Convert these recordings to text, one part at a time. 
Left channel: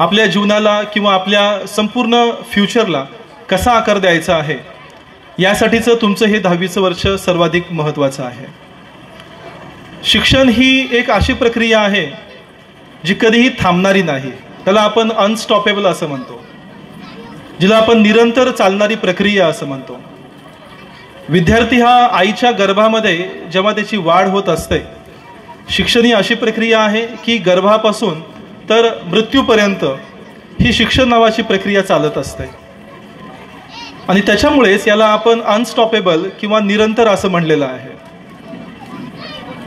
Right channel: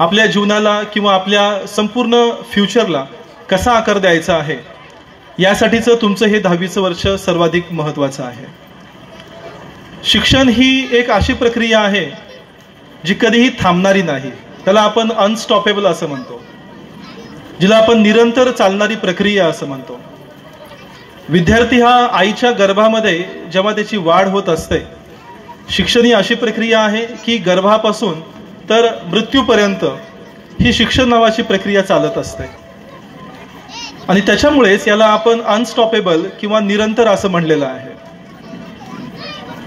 आपल्या जीवनाला किंवा आपल्या संपूर्ण फ्युचरला कसा आकार द्यायचा आहे, यासाठीचं तुमचं हे 10वीचं वर्ष सर्वाधिक महत्त्वाचं आहे. शिक्षण ही एक अशी प्रक्रिया आहे जी कधीही थांबणारी नाही. त्याला आपण अनस्टॉपेबल असं म्हणतो, जिला आपण निरंतर चालणारी प्रक्रिया असं म्हणतो. विद्यार्थी हा आईच्या गर्भामध्ये जेव्हा त्याची वाढ होत असते, शिक्षण ही अशी प्रक्रिया आहे की गर्भापासून तर मृत्यूपर्यंत ही शिक्षण नावाची प्रक्रिया चालत असते. आणि त्याच्यामुळेच याला आपण अनस्टॉपेबल किंवा निरंतर असं म्हणलेलं आहे.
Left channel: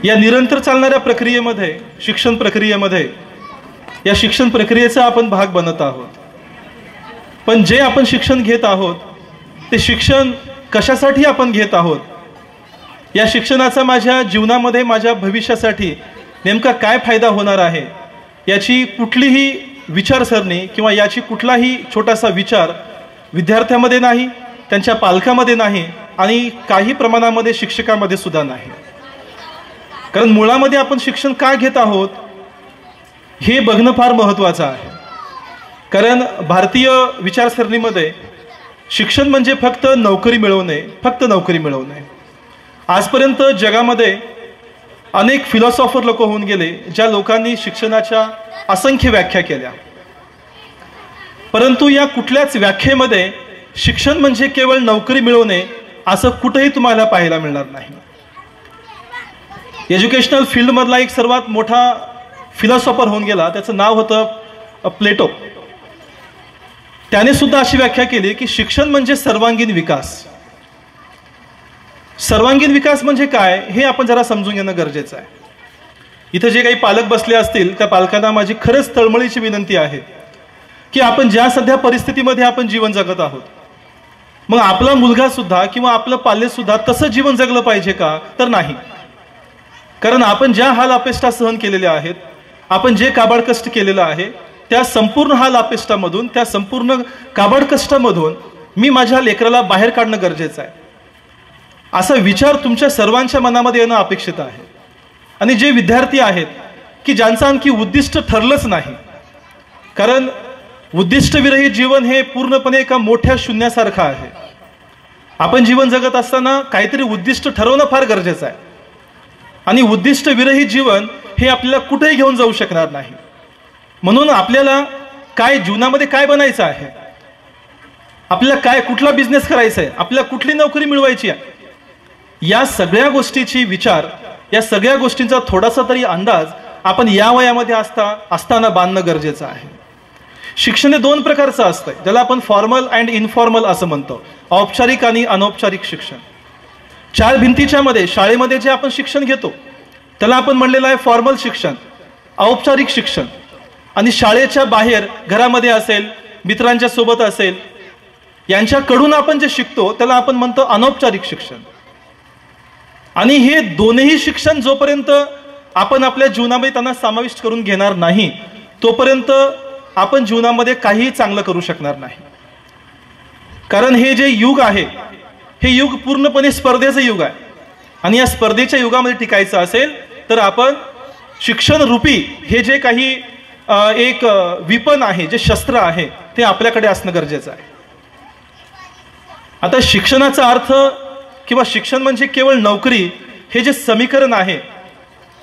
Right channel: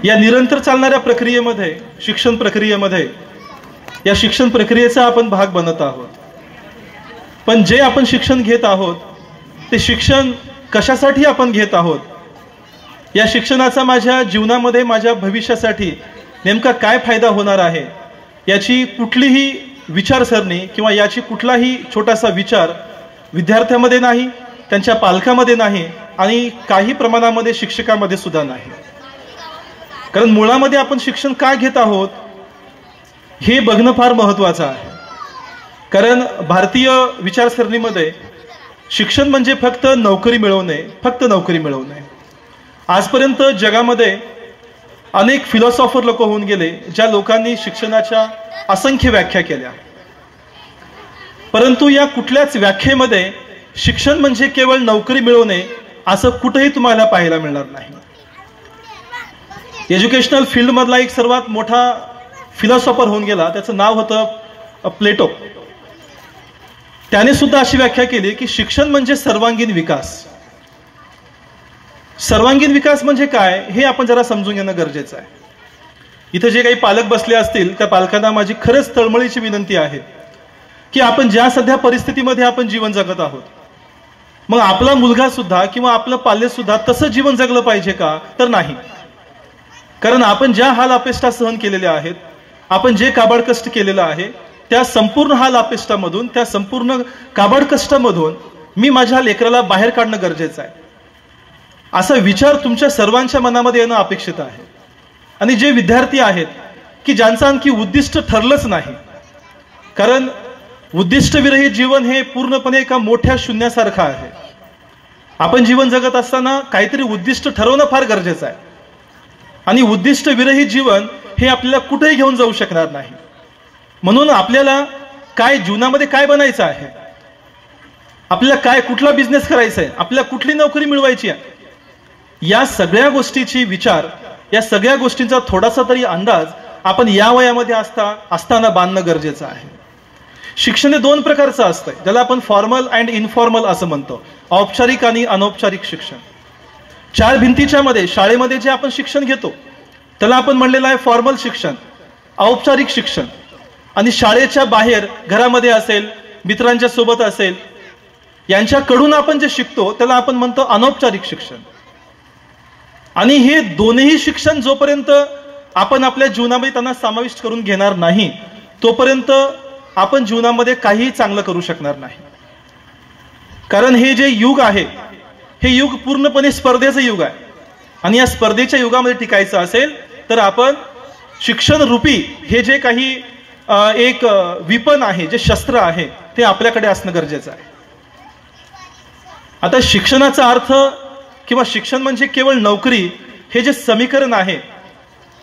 या निरंतर चालणाऱ्या प्रक्रियेमध्ये, शिक्षण प्रक्रियेमध्ये, या शिक्षण प्रक्रियेचा आपण भाग बनत आहोत. पण जे आपण शिक्षण घेत आहोत ते शिक्षण कशासाठी आपण घेत आहोत, या शिक्षणाचा माझ्या जीवनामध्ये, माझ्या भविष्यासाठी नेमका काय फायदा होणार आहे, याची कुठलीही विचारसरणी किंवा याची कुठलाही छोटासा विचार विद्यार्थ्यामध्ये नाही, त्यांच्या पालकामध्ये नाही आणि काही प्रमाणामध्ये शिक्षकामध्ये सुद्धा नाही. कारण मुळामध्ये आपण शिक्षण का घेत आहोत हे बघणं फार महत्त्वाचं आहे. कारण भारतीय विचारसरणीमध्ये शिक्षण म्हणजे फक्त नोकरी मिळवणे, फक्त नोकरी मिळवणे. आजपर्यंत जगामध्ये अनेक फिलॉसॉफर लोक होऊन गेले, ज्या लोकांनी शिक्षणाच्या असंख्य व्याख्या केल्या. परंतु या कुठल्याच व्याख्येमध्ये शिक्षण म्हणजे केवळ नोकरी मिळवणे असं कुठेही तुम्हाला पाहायला मिळणार नाही. एज्युकेशनल फील्डमधला एक सर्वात मोठा फिलॉसॉफर होऊन गेला, त्याचं नाव होतं प्लेटो. त्याने सुद्धा अशी व्याख्या केली की शिक्षण म्हणजे सर्वांगीण विकास. सर्वांगीण विकास म्हणजे काय हे आपण जरा समजून घेणं गरजेचं आहे. इथे जे काही पालक बसले असतील त्या पालकांना माझी खरंच तळमळीची विनंती आहे की आपण ज्या सध्या परिस्थितीमध्ये आपण जीवन जगत आहोत, मग आपला मुलगा सुद्धा किंवा आपलं पाल्य सुद्धा तसं जीवन जगलं पाहिजे का? तर नाही. कारण आपण ज्या हाल अपेष्टा सहन केलेल्या आहेत, आपण जे काबाड कष्ट केलेलं आहे, त्या संपूर्ण हाल अपेष्टामधून, त्या संपूर्ण काबाड कष्टामधून मी माझ्या लेकराला बाहेर काढणं गरजेचं आहे, असा विचार तुमच्या सर्वांच्या मनामध्ये येणं अपेक्षित आहे. आणि जे विद्यार्थी आहेत की ज्यांचं आणखी उद्दिष्ट ठरलंच नाही, कारण उद्दिष्टविरहित जीवन हे पूर्णपणे एका मोठ्या शून्यासारखं आहे. आपण जीवन जगत असताना काहीतरी उद्दिष्ट ठरवणं फार गरजेचं आहे. आणि उद्दिष्ट विरहित जीवन हे आपल्याला कुठेही घेऊन जाऊ शकणार नाही. म्हणून आपल्याला काय जीवनामध्ये काय बनायचं आहे, आपल्याला काय, कुठला बिझनेस करायचा आहे, आपल्याला कुठली नोकरी मिळवायची आहे, या सगळ्या गोष्टीची विचार, या सगळ्या गोष्टींचा थोडासा तरी अंदाज आपण या वयामध्ये असताना बांधणं गरजेचं आहे. शिक्षण हे 2 प्रकारचं असतं, ज्याला आपण फॉर्मल अँड इनफॉर्मल असं म्हणतो, औपचारिक आणि अनौपचारिक शिक्षण. 4 भिंतीच्या मध्ये शाळेमध्ये जे आपण शिक्षण घेतो त्याला आपण म्हणलेलं आहे फॉर्मल शिक्षण, औपचारिक शिक्षण. आणि शाळेच्या बाहेर, घरामध्ये असेल, मित्रांच्या सोबत असेल, यांच्याकडून आपण जे शिकतो त्याला आपण म्हणतो अनौपचारिक शिक्षण. आणि हे दोन्ही शिक्षण जोपर्यंत आपण आपल्या जीवनामध्ये त्यांना समाविष्ट करून घेणार नाही, तोपर्यंत आपण जीवनामध्ये काहीही चांगलं करू शकणार नाही. कारण हे जे युग आहे, हे युग पूर्णपणे स्पर्धेचं युग आहे. आणि या स्पर्धेच्या युगामध्ये टिकायचं असेल तर आपण शिक्षण रूपी हे जे काही एक विपण आहे, जे शस्त्र आहे, ते आपल्याकडे असणं गरजेचं आहे. आता शिक्षणाचा अर्थ किंवा शिक्षण म्हणजे केवळ नोकरी हे जे समीकरण आहे,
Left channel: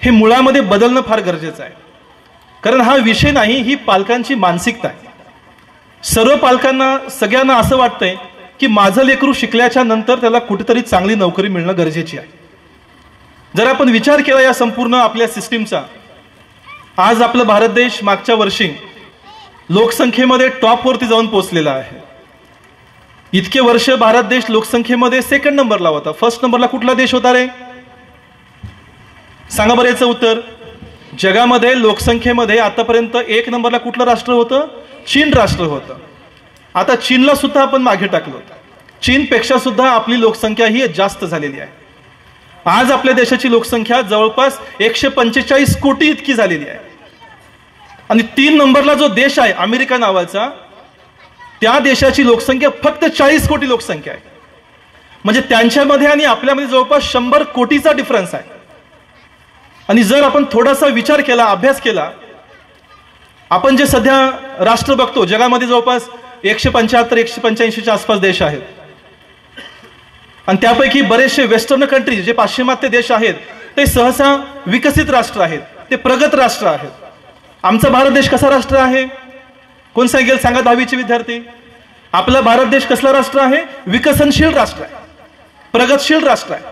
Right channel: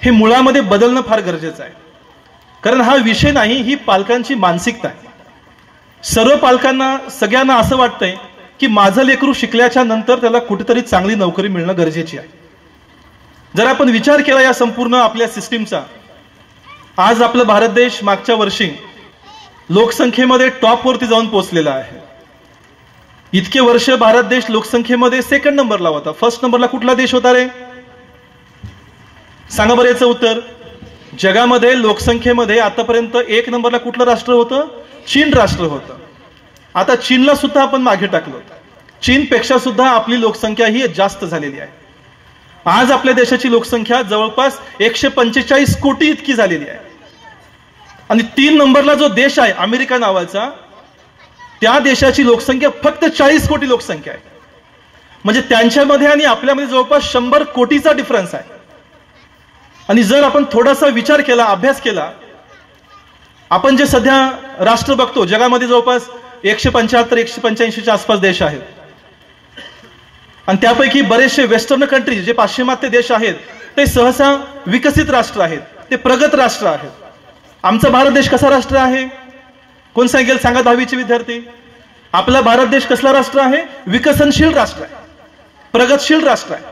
हे मुळामध्ये बदलणं फार गरजेचं आहे. कारण हा विषय नाही, ही पालकांची मानसिकता आहे. सर्व पालकांना, सगळ्यांना असं वाटतंय की माझं लेकरू शिकल्याच्या नंतर त्याला कुठेतरी चांगली नोकरी मिळणं गरजेची आहे. जर आपण विचार केला या संपूर्ण आपल्या सिस्टीमचा, आज आपला भारत देश मागच्या वर्षी लोकसंख्येमध्ये टॉपवरती जाऊन पोहोचलेला आहे. इतके वर्ष भारत देश लोकसंख्येमध्ये 2nd नंबरला होता. 1st नंबरला कुठला देश होता रे? सांगा बरं याचं उत्तर. जगामध्ये लोकसंख्येमध्ये आतापर्यंत 1 नंबरला कुठलं राष्ट्र होतं? चीन राष्ट्र होतं. आता चीनला सुद्धा आपण मागे टाकलं होतं. चीनपेक्षा सुद्धा आपली लोकसंख्या ही जास्त झालेली आहे. आज आपल्या देशाची लोकसंख्या जवळपास 145 कोटी इतकी झालेली आहे. आणि 3 नंबरला जो देश आहे अमेरिका नावाचा, त्या देशाची लोकसंख्या फक्त 40 कोटी लोकसंख्या आहे. म्हणजे त्यांच्यामध्ये आणि आपल्यामध्ये जवळपास 100 कोटीचा डिफरन्स आहे. आणि जर आपण थोडासा विचार केला, अभ्यास केला, आपण जे सध्या राष्ट्र बघतो, जगामध्ये जवळपास 175-185च्या आसपास देश आहेत आणि त्यापैकी बरेचसे वेस्टर्न कंट्रीज जे पाश्चिमात्य देश आहेत ते सहसा विकसित राष्ट्र आहेत, ते प्रगत राष्ट्र आहेत. आमचा भारत देश कसा राष्ट्र आहे? कोण सांगेल? सांगा 10वीचे विद्यार्थी. आपला भारत देश कसला राष्ट्र आहे? विकसनशील राष्ट्र आहे, प्रगतशील राष्ट्र आहे.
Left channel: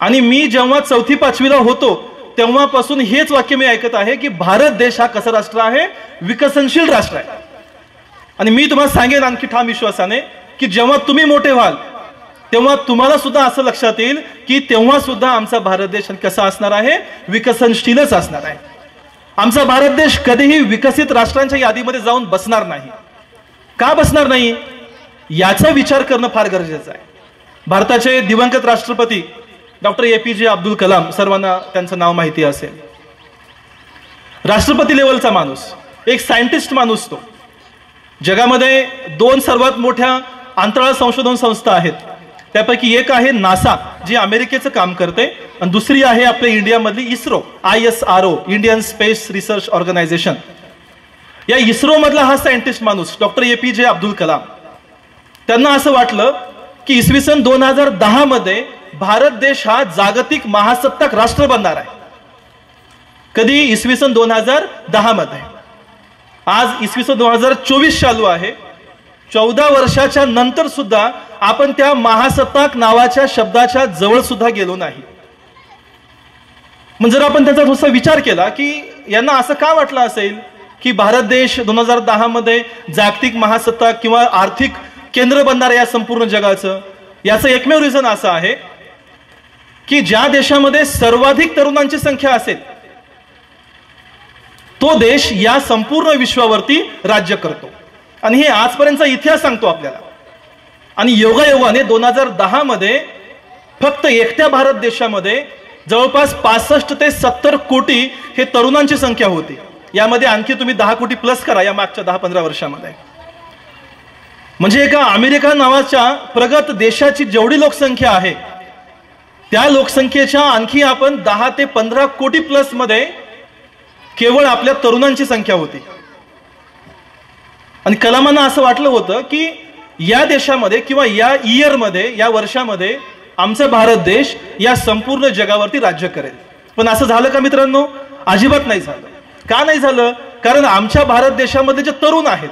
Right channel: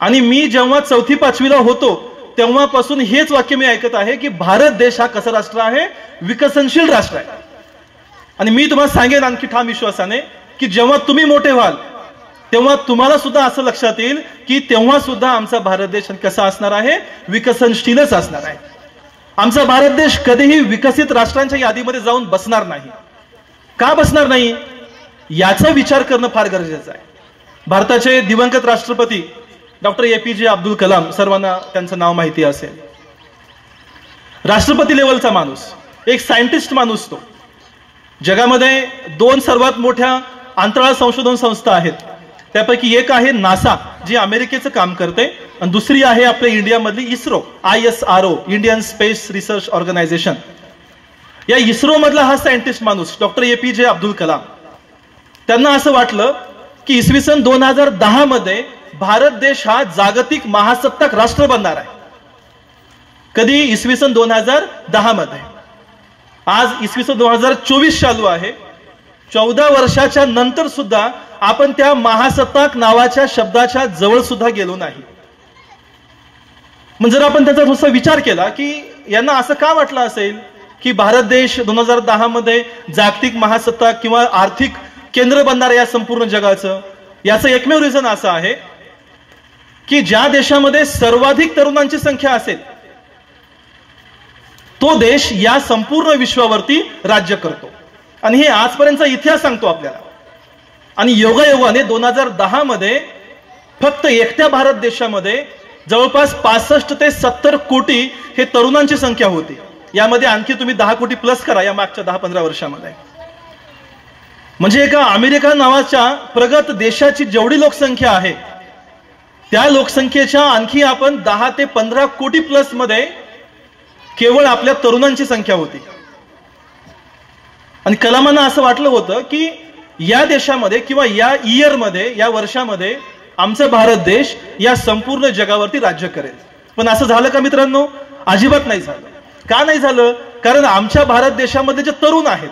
आणि मी जेव्हा 4वी-5वीला होतो तेव्हापासून हेच वाक्य मी ऐकत आहे की भारत देश हा कसा राष्ट्र आहे? विकसनशील राष्ट्र आहे. आणि मी तुम्हाला सांगेन आणखी ठाम विश्वासाने की जेव्हा तुम्ही मोठे व्हाल तेव्हा तुम्हाला सुद्धा असं लक्षात येईल की तेव्हा सुद्धा आमचा भारत देश कसा असणार आहे? विकसनशीलच असणार आहे. आमचा भारत देश कधीही विकसित राष्ट्रांच्या यादीमध्ये जाऊन बसणार नाही. का बसणार नाही याचा विचार करणं फार गरजेचं आहे. भारताचे दिवंगत राष्ट्रपती डॉक्टर APJ अब्दुल कलाम, सर्वांना त्यांचं नाव माहिती असेल. राष्ट्रपती लेवलचा माणूस, एक सायंटिस्ट माणूस. तो जगामध्ये 2 सर्वात मोठ्या अंतराळ संशोधन संस्था आहेत. त्यापैकी एक आहे नासा, जी अमेरिकेचं काम करते, आणि दुसरी आहे आपल्या इंडियामधली ISRO, ISRO, Indian space research organisation. या इस्रो मधला हा सायंटिस्ट माणूस डॉक्टर APJ अब्दुल कलाम, त्यांना असं वाटलं की इसवी सन 2010 मध्ये भारत देश हा जागतिक महासत्ताक राष्ट्र बनणार आहे. कधी? इसवी सन 2010 मध्ये. आज इसवी सन 2024 चालू आहे. 14 वर्षाच्या नंतर सुद्धा आपण त्या महासत्ताक नावाच्या शब्दाच्या जवळ सुद्धा गेलो नाही. म्हणजे जर आपण त्याचा थोडासा विचार केला की यांना असं का वाटलं असेल की भारत देश 2010 मध्ये जागतिक महासत्ताक किंवा आर्थिक केंद्र बनणार आहे या संपूर्ण जगाचं, याचं एकमेव रिझन असं आहे की ज्या देशामध्ये सर्वाधिक तरुणांची संख्या असेल तो देश या संपूर्ण विश्वावरती राज्य करतो. आणि हे आजपर्यंतचा इतिहास सांगतो आपल्याला. आणि योगायोगाने 2010 मध्ये फक्त एकट्या भारत देशामध्ये जवळपास 65 ते 70 कोटी हे तरुणांची संख्या होती. यामध्ये आणखी तुम्ही 10 कोटी प्लस करा या मागच्या 10-15 वर्षामध्ये. म्हणजे एका अमेरिका नावाच्या प्रगत देशाची जेवढी लोकसंख्या आहे त्या लोकसंख्येच्या आणखी आपण 10 ते 15 कोटी प्लस मध्ये केवळ आपल्या तरुणांची संख्या होती. आणि कलामांना असं वाटलं होतं की या देशामध्ये किंवा या इयरमध्ये, या वर्षामध्ये आमचा भारत देश या संपूर्ण जगावरती राज्य करेल. पण असं झालं का मित्रांनो? अजिबात नाही झालं. का नाही झालं? कारण आमच्या भारत देशामध्ये जे तरुण आहेत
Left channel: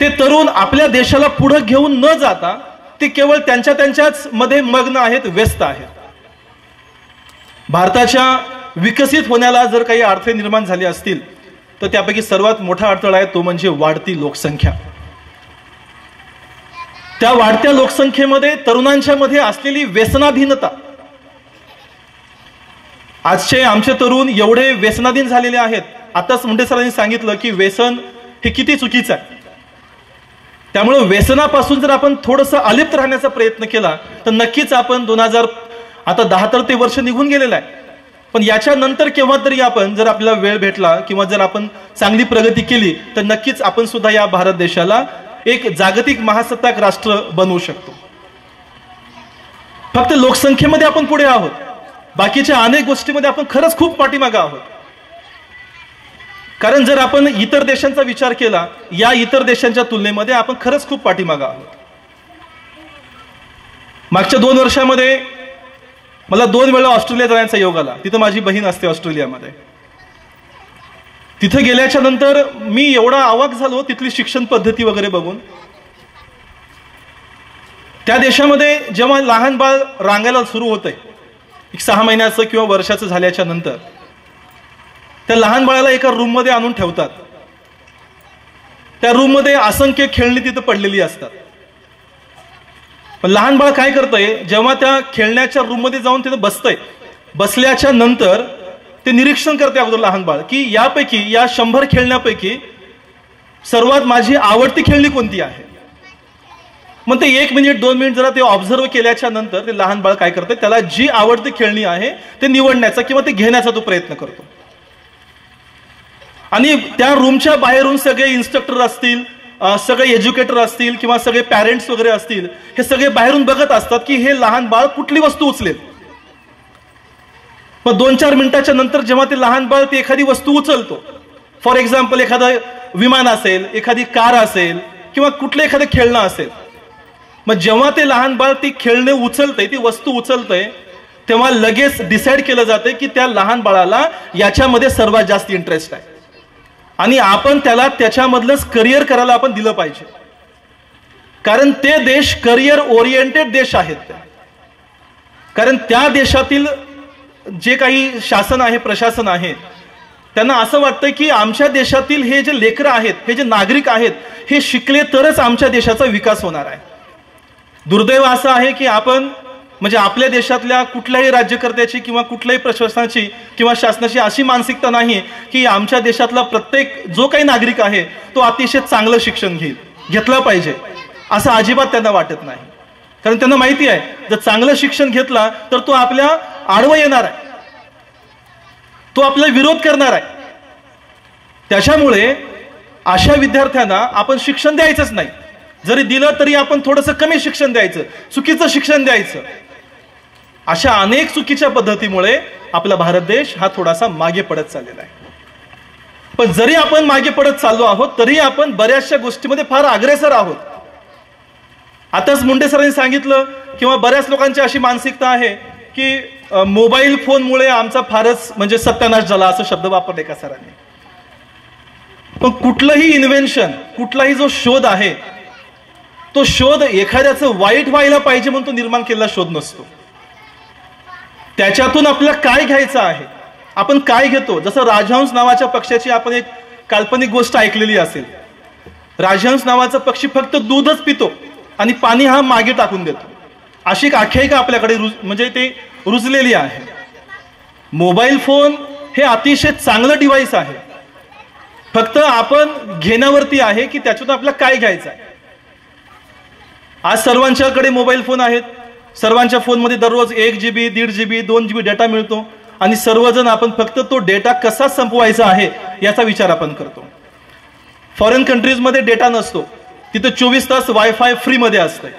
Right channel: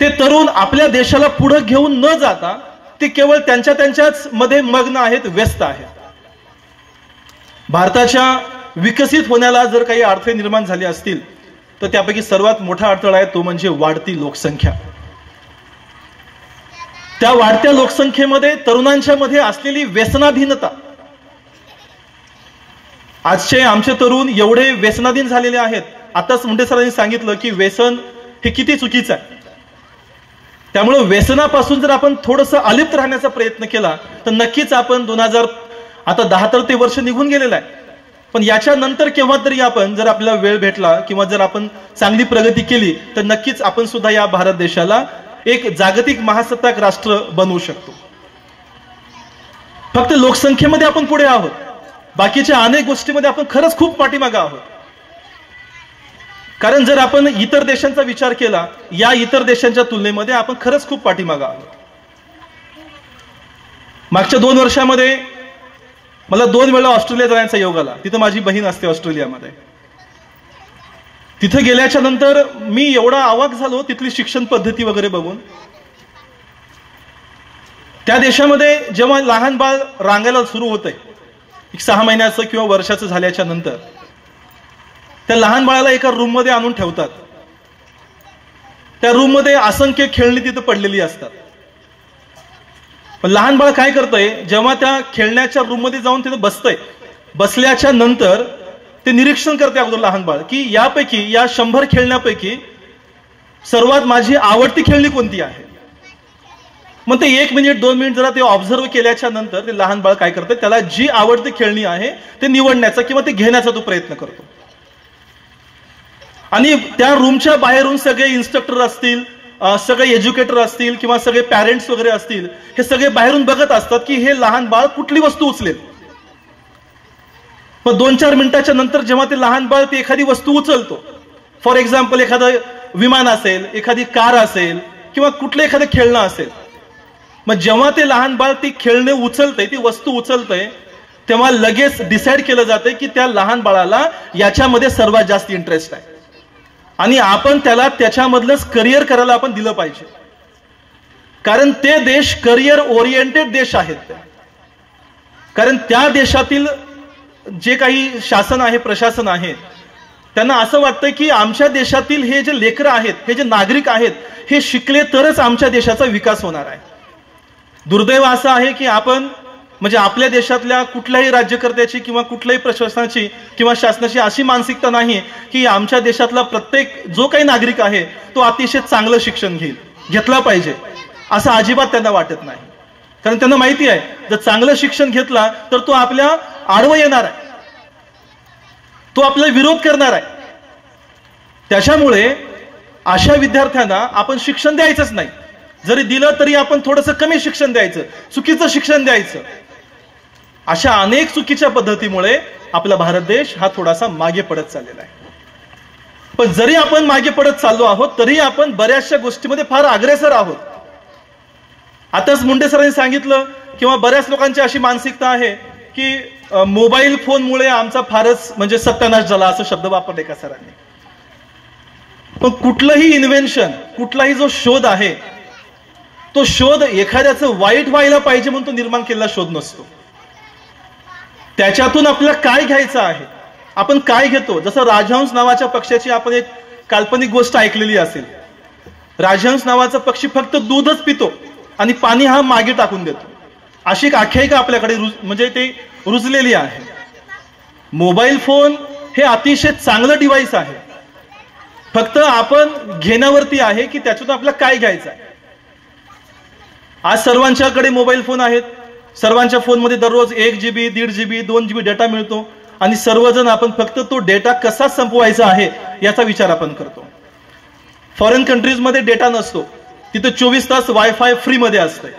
ते तरुण आपल्या देशाला पुढे घेऊन न जाता ते केवळ त्यांच्याच मध्ये मग्न आहेत, व्यस्त आहेत. भारताच्या विकसित होण्याला जर काही अडथळे निर्माण झाले असतील तर त्यापैकी सर्वात मोठा अडथळा आहे तो म्हणजे वाढती लोकसंख्या. त्या वाढत्या लोकसंख्येमध्ये तरुणांच्या मध्ये असलेली व्यसनाधीनता. आजचे आमचे तरुण एवढे व्यसनाधीन झालेले आहेत. आताच मुंडे सरांनी सांगितलं की व्यसन हे किती चुकीचं आहे. त्यामुळे व्यसनापासून जर आपण थोडंसं अलिप्त राहण्याचा प्रयत्न केला तर नक्कीच आपण 2010 तर ते वर्ष निघून गेलेलं आहे. पण याच्यानंतर केव्हा तरी आपण जर आपल्याला वेळ भेटला किंवा जर आपण चांगली प्रगती केली तर नक्कीच आपण सुद्धा या भारत देशाला एक जागतिक महासत्ताक राष्ट्र बनवू शकतो. फक्त लोकसंख्येमध्ये आपण पुढे आहोत, बाकीच्या अनेक गोष्टीमध्ये आपण खरंच खूप पाठीमागे आहोत. कारण जर आपण इतर देशांचा विचार केला, या इतर देशांच्या तुलनेमध्ये आपण खरंच खूप पाठीमागे आहोत. मागच्या 2 वर्षामध्ये मला 2 वेळा ऑस्ट्रेलिया जाण्याचा योग आला. तिथं माझी बहीण असते ऑस्ट्रेलियामध्ये. तिथे गेल्याच्या नंतर मी एवढा अवाक झालो तिथली शिक्षण पद्धती वगैरे बघून. त्या देशामध्ये जेव्हा लहान बाळ रांगायला सुरू होतंय 6 महिन्याचं किंवा वर्षाचं झाल्याच्या नंतर, त्या लहान बाळाला एका रूम मध्ये आणून ठेवतात. त्या रूम मध्ये असंख्य खेळणी तिथं पडलेली असतात. पण लहान बाळ काय करतंय, जेव्हा त्या खेळण्याच्या रूम मध्ये जाऊन तिथं बसतंय, बसल्याच्या नंतर ते निरीक्षण करते अगोदर लहान बाळ की यापैकी या 100 खेळण्यापैकी सर्वात माझी आवडती खेळणी कोणती आहे. मग ते 1 मिनिट 2 मिनिट जरा ते ऑब्झर्व केल्याच्या नंतर ते लहान बाळ काय करते, त्याला जी आवडती खेळणी आहे ते निवडण्याचा किंवा ते घेण्याचा तो प्रयत्न करतो. आणि त्या रूमच्या बाहेरून सगळे इन्स्ट्रक्टर असतील, सगळे एज्युकेटर असतील किंवा सगळे पॅरेंट्स वगैरे असतील, हे सगळे बाहेरून बघत असतात की हे लहान बाळ कुठली वस्तू उचलेल. मग 2-4 मिनिटाच्या नंतर जेव्हा ते लहान बाळ ती एखादी वस्तू उचलतो फॉर एक्झाम्पल एखादं विमान असेल, एखादी कार असेल किंवा कुठलं एखादं खेळणं असेल. मग जेव्हा ते लहान बाळ ती खेळणे उचलतंय, ती वस्तू उचलतंय, तेव्हा लगेच डिसाईड केलं जातं की त्या लहान बाळाला याच्यामध्ये सर्वात जास्त इंटरेस्ट आहे आणि आपण त्याला त्याच्यामधलंच करिअर करायला आपण दिलं पाहिजे. कारण ते देश करिअर ओरिएंटेड देश आहेत. कारण त्या देशातील जे काही शासन आहे, प्रशासन आहे, त्यांना असं वाटतं की आमच्या देशातील हे जे लेकरं आहेत, हे जे नागरिक आहेत, हे शिकले तरच आमच्या देशाचा विकास होणार आहे. दुर्दैव असं आहे की आपण म्हणजे आपल्या देशातल्या कुठल्याही राज्यकर्त्याची किंवा कुठल्याही प्रशासनाची किंवा शासनाची अशी मानसिकता नाही की आमच्या देशातला प्रत्येक जो काही नागरिक आहे तो अतिशय चांगलं शिक्षण घेतला पाहिजे, असं अजिबात त्यांना वाटत नाही. कारण त्यांना माहिती आहे जर चांगलं शिक्षण घेतला तर तो आपल्या आडवं येणार आहे, तो आपला विरोध करणार आहे. त्याच्यामुळे अशा विद्यार्थ्यांना आपण शिक्षण द्यायचंच नाही. जरी दिलं तरी आपण थोडंसं कमी शिक्षण द्यायचं, चुकीचं शिक्षण द्यायचं. अशा अनेक चुकीच्या पद्धतीमुळे आपला भारत देश हा थोडासा मागे पडत चाललेला आहे. पण जरी आपण मागे पडत चाललो आहोत तरी आपण बऱ्याचशा गोष्टीमध्ये फार अग्रेसर आहोत. आताच मुंडे सरांनी सांगितलं किंवा बऱ्याच लोकांची अशी मानसिकता आहे की मोबाईल फोनमुळे आमचा फारच म्हणजे सत्यानाश झाला, असं शब्द वापरले का सरांनी. पण कुठलंही इन्व्हेन्शन, कुठलाही जो शोध आहे तो शोध एखाद्याचं वाईट व्हायला पाहिजे म्हणून तो निर्माण केलेला शोध नसतो. त्याच्यातून आपल्याला काय घ्यायचं आहे, आपण काय घेतो. जसं राजहंस नावाच्या पक्ष्याची आपण एक काल्पनिक गोष्ट ऐकलेली असेल. राजहंस नावाचा पक्षी फक्त दूधच पितो आणि पाणी हा मागे टाकून देतो, अशी एक आख्यायिका आपल्याकडे म्हणजे ते रुजलेली आहे. मोबाईल फोन हे अतिशय चांगलं डिव्हाइस आहे, फक्त आपण घेण्यावरती आहे की त्याच्यातून आपल्याला काय घ्यायचं आहे. आज सर्वांच्याकडे मोबाईल फोन आहेत. सर्वांच्या फोनमध्ये दररोज 1 GB 1.5 GB 2 GB डेटा मिळतो आणि सर्वजण आपण फक्त तो डेटा कसा संपवायचा आहे याचा विचार आपण करतो. फॉरेन कंट्रीजमध्ये डेटा नसतो, तिथे 24 तास वायफाय फ्री मध्ये असते.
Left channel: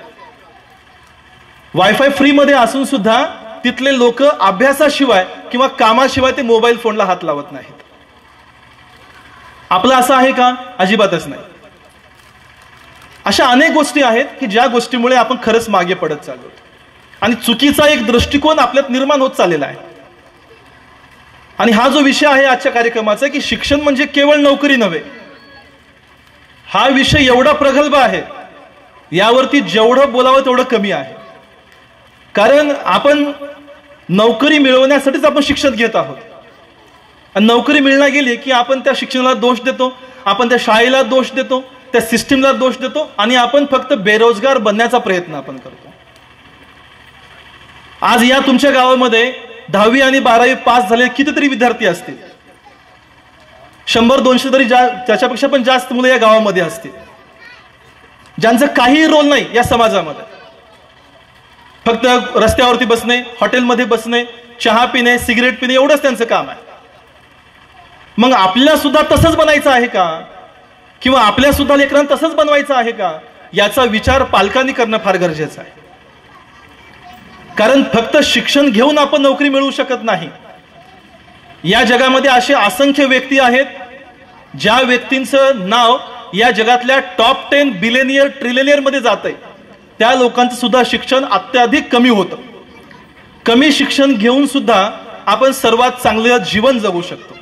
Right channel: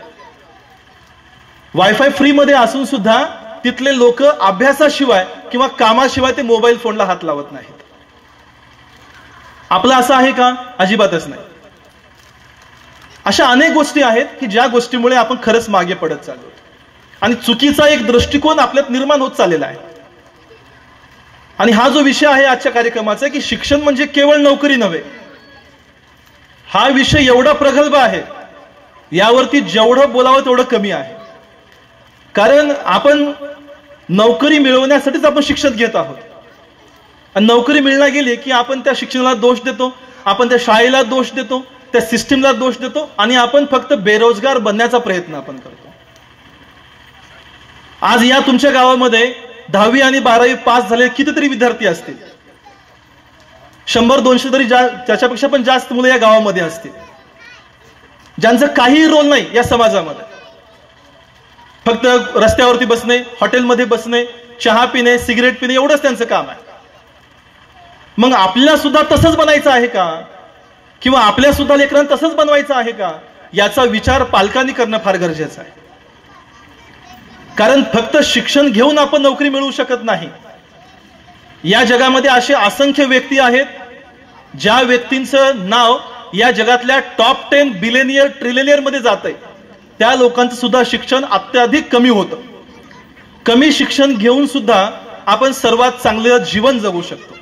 वायफाय फ्री मध्ये असून सुद्धा तिथले लोक अभ्यासाशिवाय किंवा कामाशिवाय ते मोबाईल फोनला हात लावत नाहीत. आपलं असं आहे का? अजिबातच नाही. अशा अनेक गोष्टी आहेत की ज्या गोष्टीमुळे आपण खरंच मागे पडत चाललो आणि चुकीचा एक दृष्टिकोन आपल्यात निर्माण होत चाललेला आहे. आणि हा जो विषय आहे आजच्या कार्यक्रमाचा की शिक्षण म्हणजे केवळ नोकरी नव्हे, हा विषय एवढा प्रगल्भ आहे, यावरती जेवढं बोलावं तेवढं कमी आहे. कारण आपण नोकरी मिळवण्यासाठीच आपण शिक्षण घेत आहोत. आणि नोकरी मिळणार गेली की आपण त्या शिक्षणाला दोष देतो, आपण त्या शाळेला दोष देतो, त्या सिस्टीमला दोष देतो आणि आपण फक्त बेरोजगार बनण्याचा प्रयत्न आपण करतो. आज या तुमच्या गावामध्ये 10वी आणि 12वी पास झालेले कितीतरी विद्यार्थी असतील. 100-200 तरी त्याच्यापेक्षा पण जास्त मुलं या गावामध्ये असतील, ज्यांचं काही रोल नाही या समाजामध्ये. फक्त रस्त्यावरती बसणे, हॉटेलमध्ये बसणे, चहा पिणे, सिगरेट पिणे एवढंच त्यांचं काम आहे. मग आपल्याला सुद्धा तसंच बनायचं आहे का? किंवा आपल्या सुद्धा लेकरांना तसंच बनवायचं आहे का? याचा विचार पालकांनी करणं फार गरजेचं आहे. कारण फक्त शिक्षण घेऊन आपण नोकरी मिळवू शकत नाही. या जगामध्ये असे असंख्य व्यक्ती आहेत ज्या व्यक्तींचं नाव या जगातल्या टॉप 10 बिलियनियर ट्रिलियनियर मध्ये जात आहे. त्या लोकांचं सुद्धा शिक्षण अत्याधिक कमी होतं. कमी शिक्षण घेऊन सुद्धा आपण सर्वात चांगलं जीवन जगू शकतो.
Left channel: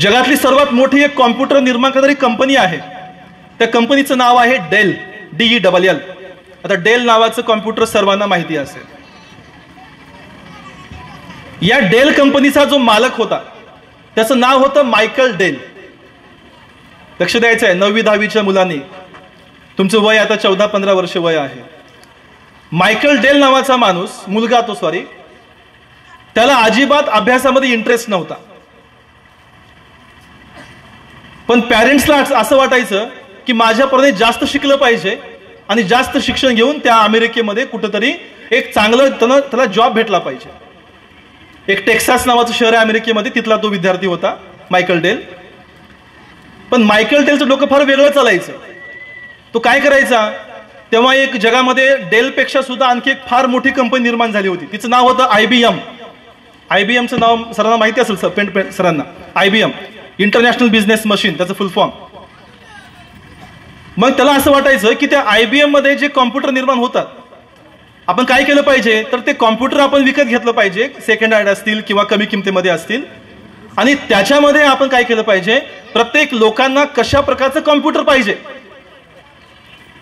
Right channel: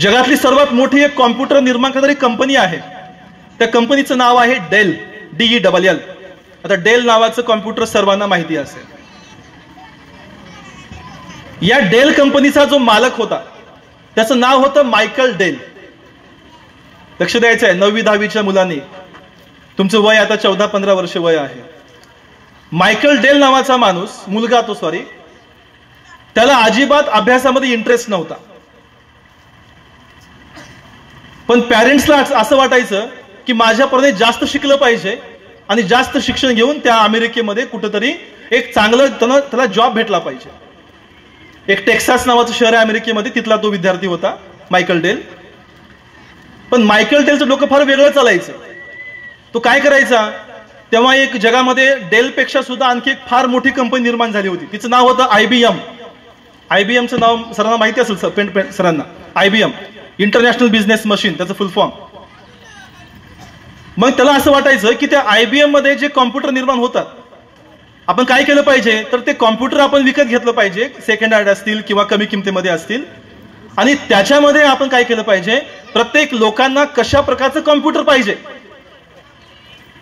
जगातली सर्वात मोठी एक कॉम्प्युटर निर्माण करणारी कंपनी आहे. त्या कंपनीचं नाव आहे डेल, DELL. आता डेल नावाचं कॉम्प्युटर सर्वांना माहिती असेल. या डेल कंपनीचा जो मालक होता त्याचं नाव होतं मायकल डेल. लक्ष द्यायचं आहे 9वी-10वीच्या मुलांनी, तुमचं वय आता 14-15 वर्ष वय आहे. मायकल डेल नावाचा माणूस, मुलगा तो सॉरी, त्याला अजिबात अभ्यासामध्ये इंटरेस्ट नव्हता. पण पॅरेंट्सला असं वाटायचं की माझ्यापर्यंत जास्त शिकलं पाहिजे आणि जास्त शिक्षण घेऊन त्या अमेरिकेमध्ये कुठेतरी एक चांगलं त्याला जॉब भेटला पाहिजे. एक टेक्सास नावाचं शहर आहे अमेरिकेमध्ये, तिथला तो विद्यार्थी होता मायकल डेल. पण मायकल डेलचं डोकं फार वेगळं चालायचं. तो काय करायचा, तेव्हा एक जगामध्ये डेलपेक्षा सुद्धा आणखी एक फार मोठी कंपनी निर्माण झाली होती. तिचं नाव होतं IBM. IBMचं नाव सरांना माहिती असेल सर, सरांना IBM इंटरनॅशनल बिझनेस मशीन, त्याचं फुल फॉर्म. मग त्याला असं वाटायचं की त्या IBM मध्ये जे कॉम्प्युटर निर्माण होतात, आपण काय केलं पाहिजे तर ते कॉम्प्युटर आपण विकत घेतलं पाहिजे, सेकंड हँड असतील किंवा कमी किमतीमध्ये असतील, आणि त्याच्यामध्ये आपण काय केलं पाहिजे, प्रत्येक लोकांना कशा प्रकारचं कॉम्प्युटर पाहिजे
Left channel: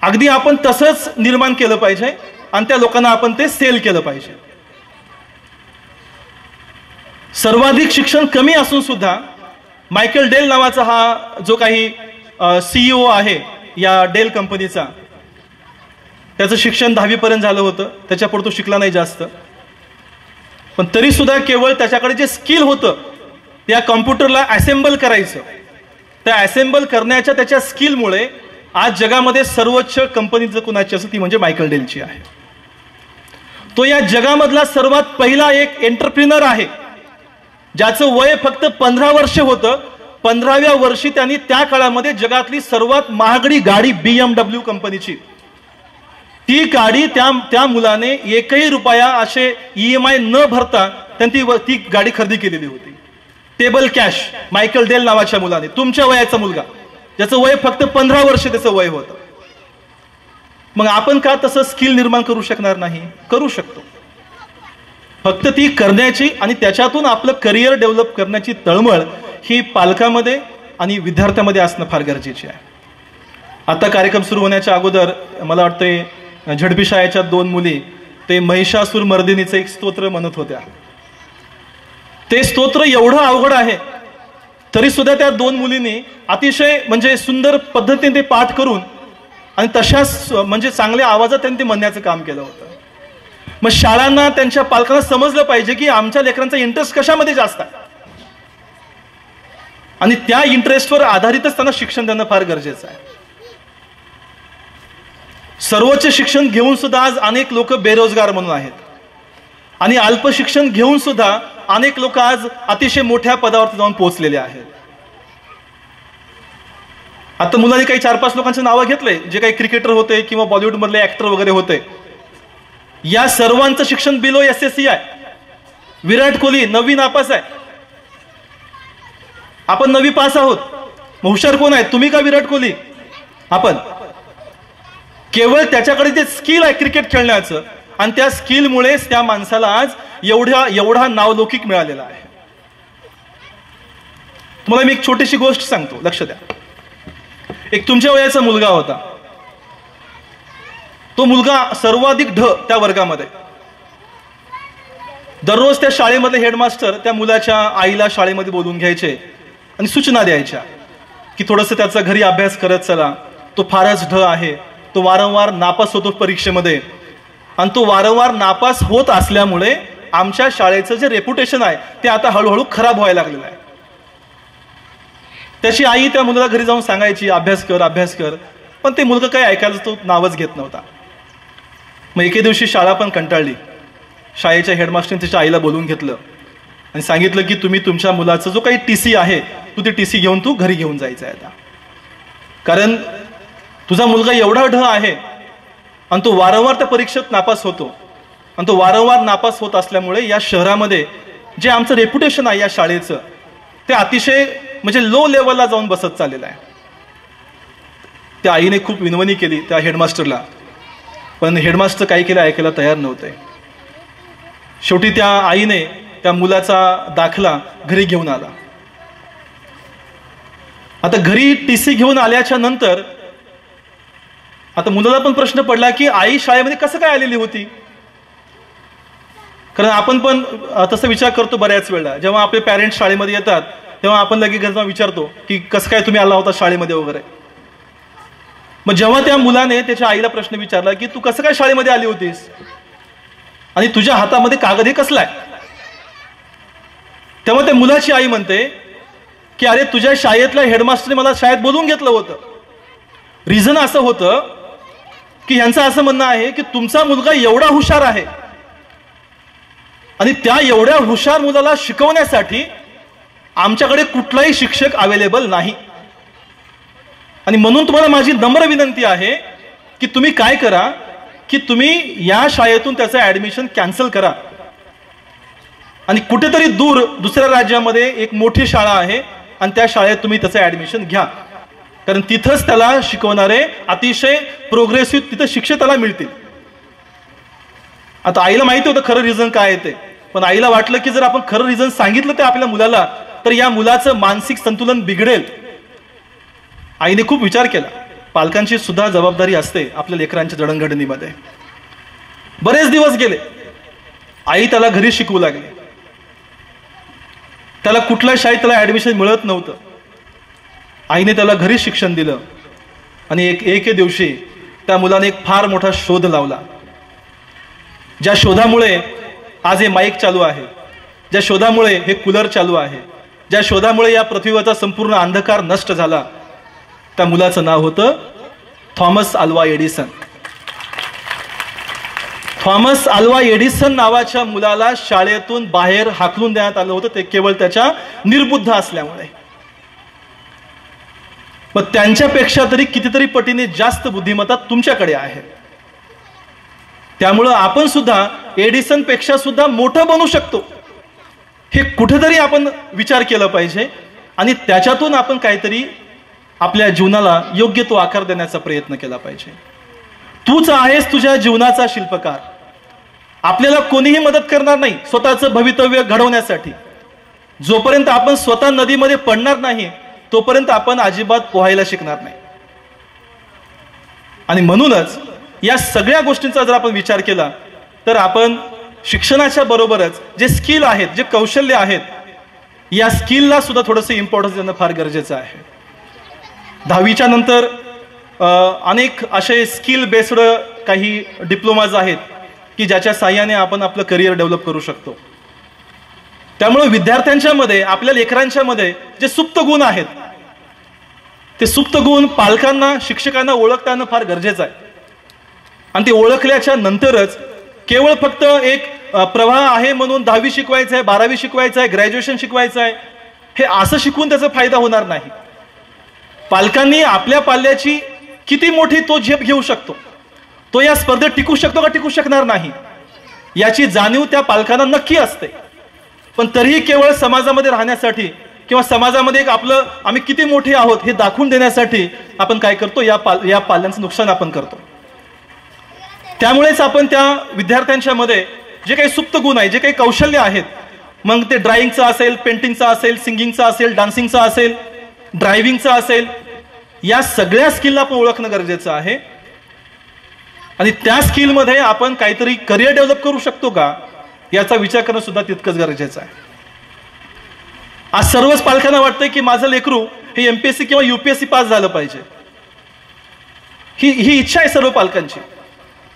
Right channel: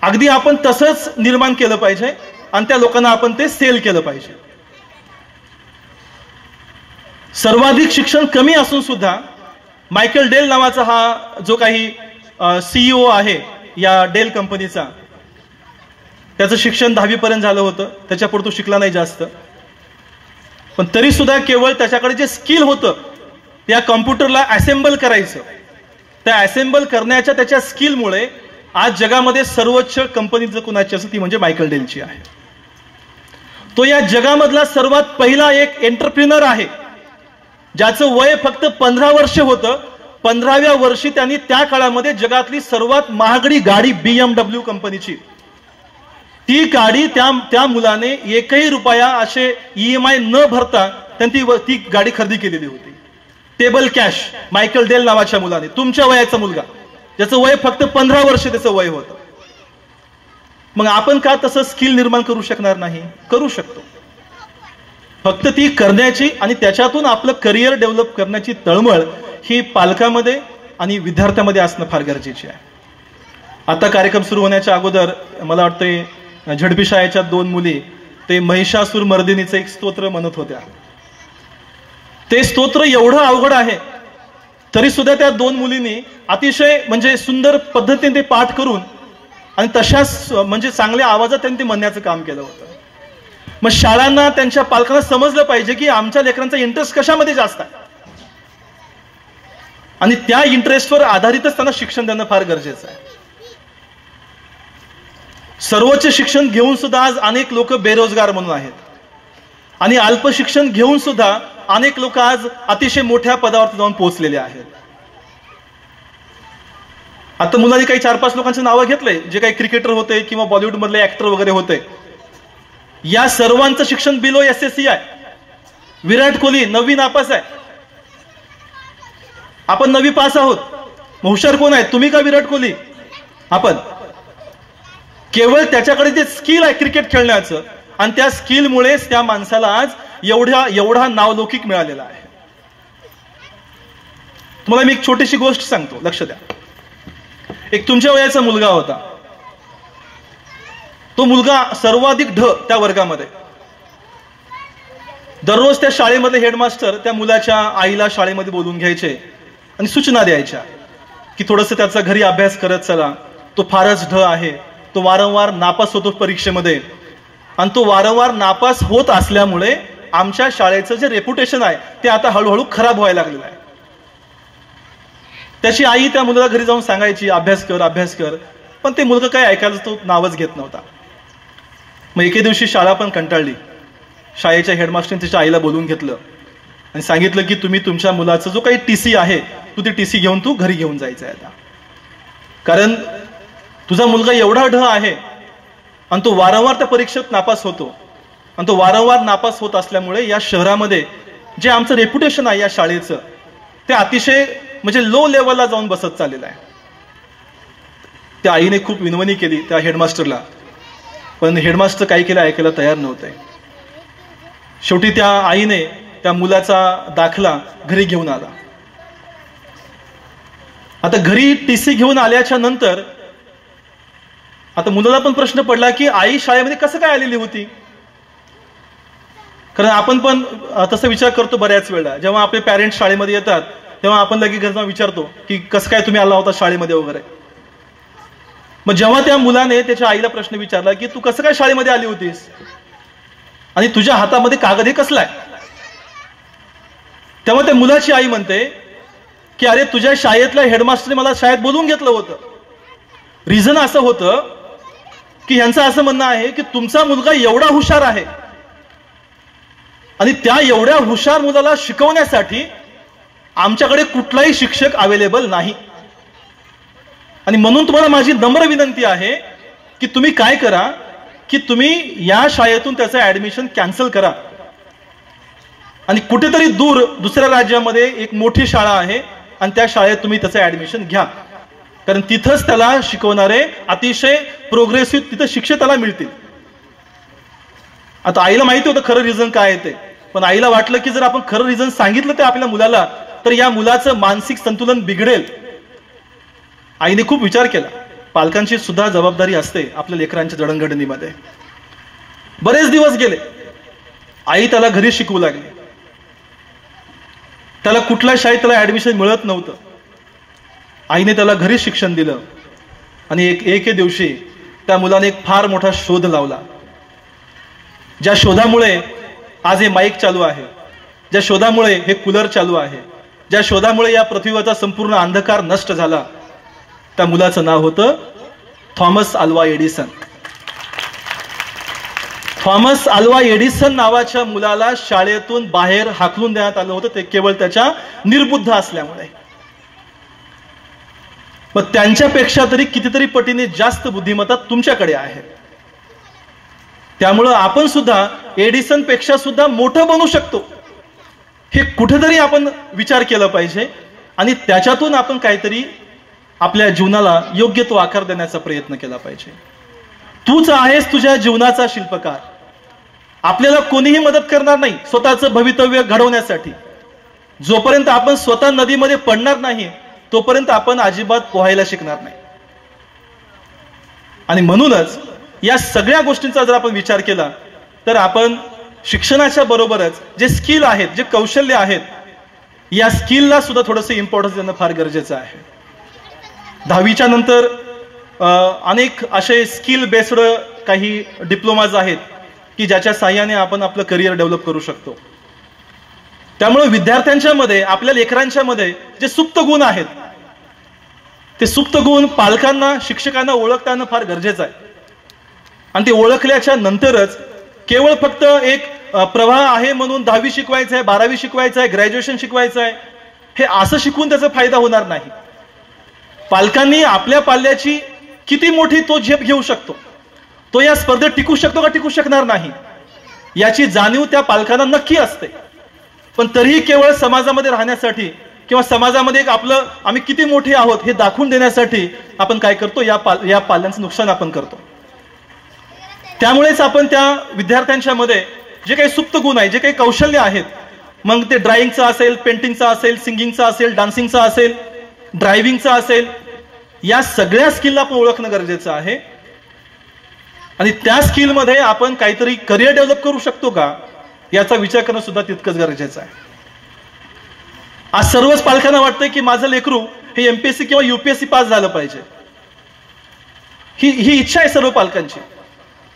अगदी आपण तसंच निर्माण केलं पाहिजे आणि त्या लोकांना आपण ते सेल केलं पाहिजे. सर्वाधिक शिक्षण कमी असून सुद्धा मायकेल डेल नावाचा हा जो काही CEO आहे या डेल कंपनीचा, त्याचं शिक्षण 10वी पर्यंत झालं होतं, त्याच्यापुढे तो शिकला नाही जास्त, पण तरी सुद्धा केवळ त्याच्याकडे जे स्किल होतं त्या कॉम्प्युटरला असेंबल करायचं, त्या असेंबल करण्याच्या त्याच्या स्किलमुळे आज जगामध्ये सर्वोच्च कंपनी जर कुणाची असेल ती म्हणजे मायकेल डेलची आहे. तो या जगामधला सर्वात पहिला एक एंटरप्रिनर आहे ज्याचं वय फक्त 15 वर्ष होतं. 15व्या वर्षी त्यांनी त्या काळामध्ये जगातली सर्वात महागडी गाडी BMW कंपनीची, ती गाडी त्या मुलाने एकही रुपया असे EMI न भरता त्यांनी ती गाडी खरेदी केलेली होती. टेबल कॅश, मायकेल डेल नावाच्या मुलाने, तुमच्या वयाचा मुलगा, ज्याचं वय फक्त 15 वर्ष त्याचं वय होतं. मग आपण का तसं स्किल निर्माण करू शकणार नाही? करू शकतो. फक्त ती करण्याची आणि त्याच्यातून आपलं करिअर डेव्हलप करण्याची तळमळ ही पालकामध्ये आणि विद्यार्थ्यांमध्ये असणं फार गरजेचे आहे. आता कार्यक्रम सुरू होण्याच्या अगोदर मला वाटतंय झडपी शाळेच्या 2 मुली ते महिषासूर मर्दिनीचं एक स्तोत्र म्हणत होत्या. ते स्तोत्र एवढं अवघड आहे तरी सुद्धा त्या 2 मुलींनी अतिशय म्हणजे सुंदर पद्धतीने ते पाठ करून आणि तशाच म्हणजे चांगल्या आवाजात त्यांनी ते म्हणण्याचं काम केलं होतं. मग शाळांना त्यांच्या पालकांना समजलं पाहिजे की आमच्या लेकरांचा इंटरेस्ट कशामध्ये जास्त आहे आणि त्या इंटरेस्टवर आधारितच त्यांना शिक्षण देणं फार गरजेचं आहे. सर्वोच्च शिक्षण घेऊन सुद्धा आज अनेक लोक बेरोजगार म्हणून आहेत आणि अल्प शिक्षण घेऊन सुद्धा अनेक लोक आज अतिशय मोठ्या पदावर जाऊन पोहोचलेले आहेत. आता मुलांनी काही 4-5 लोकांची नावं घेतले जे काही क्रिकेटर होते किंवा बॉलिवूड मधले ऍक्टर वगैरे होते. या सर्वांचं शिक्षण बिलो SSC आहे. विराट कोहली 9वी नापास आहे, आपण 9वी पास आहोत. मग हुशार कोण आहे, तुम्ही का विराट कोहली? आपण. केवळ त्याच्याकडे जे स्किल आहे क्रिकेट खेळण्याचं आणि त्या स्किलमुळेच त्या माणसाला आज एवढा नावलौकिक मिळालेला आहे. तुम्हाला मी एक छोटीशी गोष्ट सांगतो, लक्ष द्या. एक तुमच्या वयाचा मुलगा होता, तो मुलगा सर्वाधिक ढ त्या वर्गामध्ये. दररोज त्या शाळेमधले हेडमास्टर त्या मुलाच्या आईला शाळेमध्ये बोलून घ्यायचे आणि सूचना द्यायच्या की थोडंसं त्याचा घरी अभ्यास करत चला, तो फारच ढ आहे, तो वारंवार नापास होतो परीक्षेमध्ये आणि तो वारंवार नापास होत असल्यामुळे आमच्या शाळेचं जे रेप्युटेशन आहे ते आता हळूहळू खराब व्हायला लागलेलं आहे. त्याची आई त्या मुलाला घरी जाऊन सांगायची अभ्यास कर अभ्यास कर, पण ते मुलगा काय ऐकायला तो नावच घेत नव्हता. मग एके दिवशी शाळा पण कंटाळली. शाळेच्या हेडमास्टरने तिच्या आईला बोलून घेतलं आणि सांगितलं की तुम्ही तुमच्या मुलाचा जो काही TC आहे तू ते TC घेऊन तू घरी घेऊन जायचं आहे आता, कारण तुझा मुलगा एवढा ढ आहे आणि तो वारंवार त्या परीक्षेत नापास होतो आणि तो वारंवार नापास होत असल्यामुळे या शहरामध्ये जे आमचं रेप्युटेशन आहे या शाळेचं ते अतिशय म्हणजे लो लेवलला जाऊन बसत चाललेलं आहे. त्या आईने खूप विनवणी केली त्या हेडमास्टरला, पण हेडमास्टर काही केलं ऐकायला तयार नव्हते. शेवटी त्या आईने त्या मुलाचा दाखला घरी घेऊन आला. आता घरी TC घेऊन आल्याच्या नंतर आता मुलाला पण प्रश्न पडला की आई शाळेमध्ये कसं काय आलेली होती, कारण आपण पण तसा विचार करतो बऱ्याच वेळा. जेव्हा आपले पॅरेंट्स शाळेमध्ये येतात तेव्हा आपण लगेच घरी जाऊन विचारतो की कसं काय तुम्ही आला होता शाळेमध्ये वगैरे. मग जेव्हा त्या मुलाने त्याच्या आईला प्रश्न विचारला की तू कसं काय शाळेमध्ये आली होतीस आणि तुझ्या हातामध्ये कागद हे कसला आहे, तेव्हा त्या मुलाची आई म्हणते की अरे तुझ्या शाळेतल्या हेडमास्टरने मला शाळेत बोलवून घेतलं होतं. रिझन असं होतं की यांचं असं म्हणणं आहे की तुमचा मुलगा एवढा हुशार आहे आणि त्या एवढ्या हुशार मुलाला शिकवण्यासाठी आमच्याकडे कुठलाही शिक्षक अवेलेबल नाही आणि म्हणून तुम्हाला माझी नम्र विनंती आहे की तुम्ही काय करा की तुम्ही या शाळेतून त्याचं ऍडमिशन कॅन्सल करा आणि कुठेतरी दूर दुसऱ्या राज्यामध्ये एक मोठी शाळा आहे आणि त्या शाळेत तुम्ही त्याचं ऍडमिशन घ्या, कारण तिथंच त्याला शिकवणारे अतिशय प्रोग्रेसिव्ह तिथं शिक्षक त्याला मिळतील. आता आईला माहिती होतं खरं रिझन काय आहे ते, पण आईला वाटलं की जर आपण खरं रिझन सांगितलं ते आपल्या मुलाला तर या मुलाचं मानसिक संतुलन बिघडेल. आईने खूप विचार केला. पालकांची सुद्धा जबाबदारी असते आपल्या लेकरांच्या जडणघडणीमध्ये. बरेच दिवस गेले. आई त्याला घरी शिकवू लागली. त्याला कुठल्या शाळेत त्याला ऍडमिशन मिळत नव्हतं. आईने त्याला घरी शिक्षण दिलं आणि एके दिवशी त्या मुलाने एक फार मोठा शोध लावला. ज्या शोधामुळे आज हे माईक चालू आहे, ज्या शोधामुळे हे कूलर चालू आहे, ज्या शोधामुळे या पृथ्वीवरचा संपूर्ण अंधकार नष्ट झाला, त्या मुलाचं नाव होतं Thomas Alva Edison. Thomas Alva Edison नावाच्या मुलाला शाळेतून बाहेर हाकलून देण्यात आलं होतं, ते केवळ त्याच्या निर्बुद्ध असल्यामुळे. मग त्यांच्यापेक्षा तरी कितीतरी पटीने जास्त बुद्धिमत्ता तुमच्याकडे आहे. त्यामुळं आपण सुद्धा एडिसन पेक्षा सुद्धा मोठं बनू शकतो, हे कुठेतरी आपण विचार केला पाहिजे आणि त्याच्यातून आपण काहीतरी आपल्या जीवनाला योग्य तो आकार देण्याचा प्रयत्न केला पाहिजे. तूच आहेस तुझ्या जीवनाचा शिल्पकार. आपल्याला कोणीही मदत करणार नाही स्वतःचं भवितव्य घडवण्यासाठी. जोपर्यंत आपण स्वतः नदीमध्ये पडणार नाही तोपर्यंत आपण अजिबात पोहायला शिकणार नाही. आणि म्हणूनच या सगळ्या गोष्टींचा जर आपण विचार केला तर आपण शिक्षणाच्या बरोबरच जे स्किल आहेत, जे कौशल्य आहेत, या स्किलला सुद्धा थोडंसं इम्पॉर्टन्स देणं फार गरजेचं आहे. 10वीच्या नंतर अनेक असे स्किल बेस्ड काही डिप्लोमाज आहेत की ज्याच्या साहाय्याने आपण आपलं करिअर डेव्हलप करू शकतो. त्यामुळे विद्यार्थ्यांच्या मध्ये, आपल्या लेकरांच्या मध्ये जे सुप्त गुण आहेत ते सुप्त गुण पालकांना, शिक्षकांना ओळखताना फार गरजेचं आहे. आणि ते ओळखल्याच्या नंतरच केवळ फक्त एक प्रवाह आहे म्हणून 10वी शिकवायचं आहे, 12वी शिकवायचं आहे, ग्रॅज्युएशन शिकवायचं आहे, हे असं शिकून त्याचा फायदा होणार नाही. पालकांनी आपल्या पाल्याची किती मोठी तो झेप घेऊ शकतो, तो या स्पर्धेत टिकू शकतो का टिकू शकणार नाही, याची जाणीव त्या पालकांना नक्की असते. पण तरीही केवळ समाजामध्ये राहण्यासाठी किंवा समाजामध्ये एक आपलं आम्ही किती मोठे आहोत हे दाखवून देण्यासाठी आपण काय करतो, या पाल्यांचं नुकसान आपण करतो. त्यामुळेच आपण त्या विद्यार्थ्यांच्या मध्ये जे काही सुप्त गुण आहे, जे काही कौशल्य आहेत, मग ते ड्रॉइंगचं असेल, पेंटिंगचं असेल, सिंगिंगचं असेल, डान्सिंगचं असेल, ड्रायव्हिंगचं असेल, या सगळ्या स्किलला आपण ओळखणं गरजेचं आहे. आणि त्या स्किलमध्ये आपण काहीतरी करिअर डेव्हलप करू शकतो का याचा विचार करणं सुद्धा तितकंच गरजेचं आहे. आज सर्वच पालकांना वाटतंय की माझं लेकरू हे एमपीएससी किंवा युपीएससी पास झालं पाहिजे, ही इच्छा आहे सर्व पालकांची.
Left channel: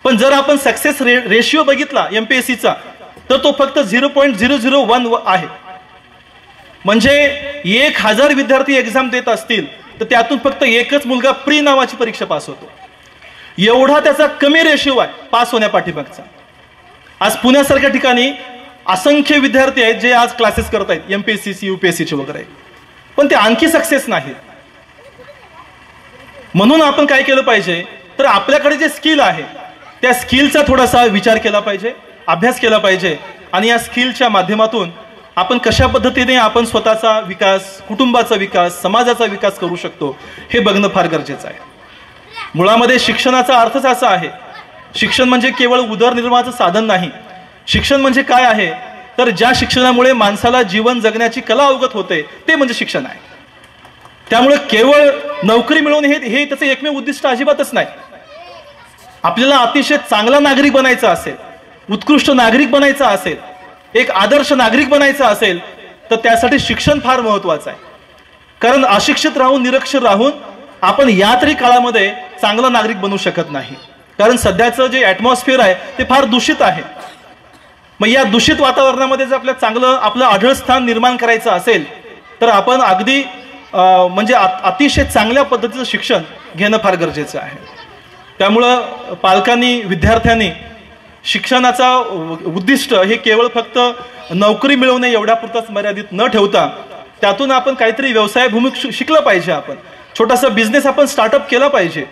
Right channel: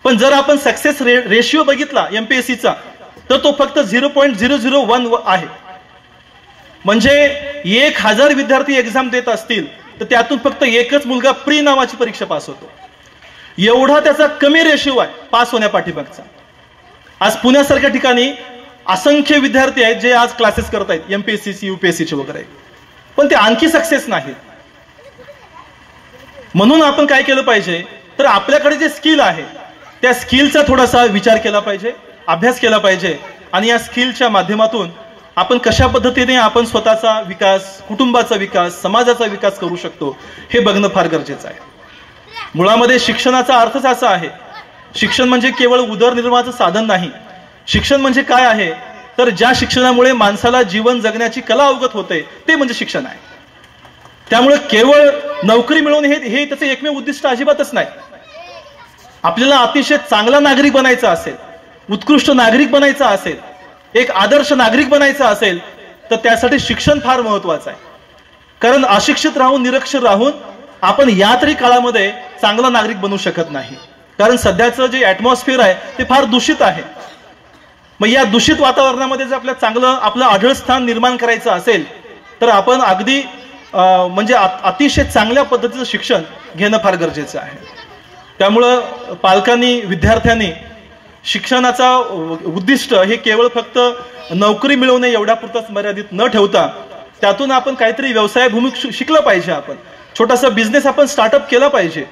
पण जर आपण सक्सेस रेशिओ बघितला एमपीएससीचा तर तो फक्त 0.001 आहे. म्हणजे 1000 विद्यार्थी एक्झाम देत असतील तर त्यातून फक्त एकच मुलगा प्री नावाची परीक्षा पास होतो. एवढा त्याचा कमी रेशिओ आहे पास होण्यापाठीमागचा. आज पुण्यासारख्या ठिकाणी असंख्य विद्यार्थी आहेत जे आज क्लासेस करत आहेत एमपीएससी, युपीएससीचे वगैरे, पण ते आणखी सक्सेस नाहीत. म्हणून आपण काय केलं पाहिजे तर आपल्याकडे जे स्किल आहे त्या स्किलचा थोडासा विचार केला पाहिजे, अभ्यास केला पाहिजे आणि या स्किलच्या माध्यमातून आपण कशा पद्धतीने आपण स्वतःचा विकास, कुटुंबाचा विकास, समाजाचा विकास करू शकतो हे बघणं फार गरजेचं आहे. मुळामध्ये शिक्षणाचा अर्थच असा आहे, शिक्षण म्हणजे केवळ उदरनिर्वाहाचं साधन नाही. शिक्षण म्हणजे काय आहे तर ज्या शिक्षणामुळे माणसाला जीवन जगण्याची कला अवगत होते ते म्हणजे शिक्षण आहे. त्यामुळे केवळ नोकरी मिळवणे हे त्याचं एकमेव उद्दिष्ट अजिबातच नाही. आपल्याला अतिशय चांगला नागरिक बनायचा असेल, उत्कृष्ट नागरिक बनायचा असेल, एक आदर्श नागरिक बनायचा असेल तर त्यासाठी शिक्षण फार महत्वाचं आहे. कारण अशिक्षित राहून, निरक्षर राहून आपण या तरी काळामध्ये चांगला नागरिक बनू शकत नाही. कारण सध्याचं जे ऍटमॉस्फिअर आहे ते फार दूषित आहे. मग या दूषित वातावरणामध्ये जर आपल्याला चांगलं आपलं आढळ स्थान निर्माण करायचं असेल तर आपण अगदी म्हणजे अतिशय चांगल्या पद्धतीचं शिक्षण घेणं फार गरजेचं आहे. त्यामुळं पालकांनी, विद्यार्थ्यांनी शिक्षणाचा उद्दिष्ट हे केवळ फक्त नोकरी मिळवणे एवढ्यापुरताच मर्यादित न ठेवता त्यातून आपण काहीतरी व्यवसायभूमिक शिकलं पाहिजे. आपण छोटासा बिझनेस आपण स्टार्टअप केला पाहिजे,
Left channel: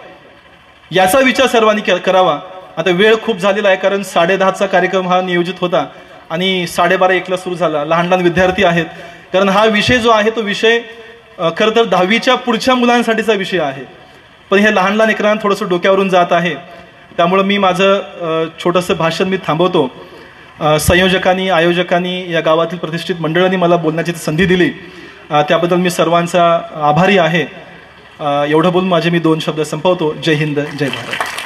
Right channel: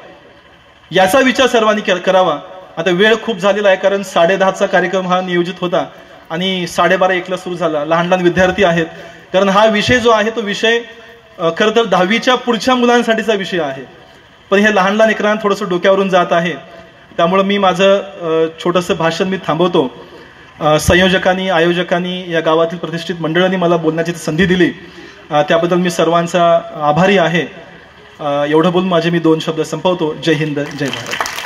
याचा विचार सर्वांनी करावा. आता वेळ खूप झालेला आहे कारण 10:30चा कार्यक्रम हा नियोजित होता आणि 12:30-1ला सुरू झाला. लहान लहान विद्यार्थी आहेत, कारण हा विषय जो आहे तो विषय खरं तर 10वीच्या पुढच्या मुलांसाठीचा विषय आहे. पण हे लहान लहान लेकरांना थोडंसं डोक्यावरून जात आहे. त्यामुळे मी माझं छोटंसं भाषण मी थांबवतो. संयोजकांनी, आयोजकांनी, या गावातील प्रतिष्ठित मंडळांनी मला बोलण्याची संधी दिली, त्याबद्दल मी सर्वांचा आभारी आहे. एवढं बोलून माझे मी 2 शब्द संपवतो. जय हिंद, जय भारत.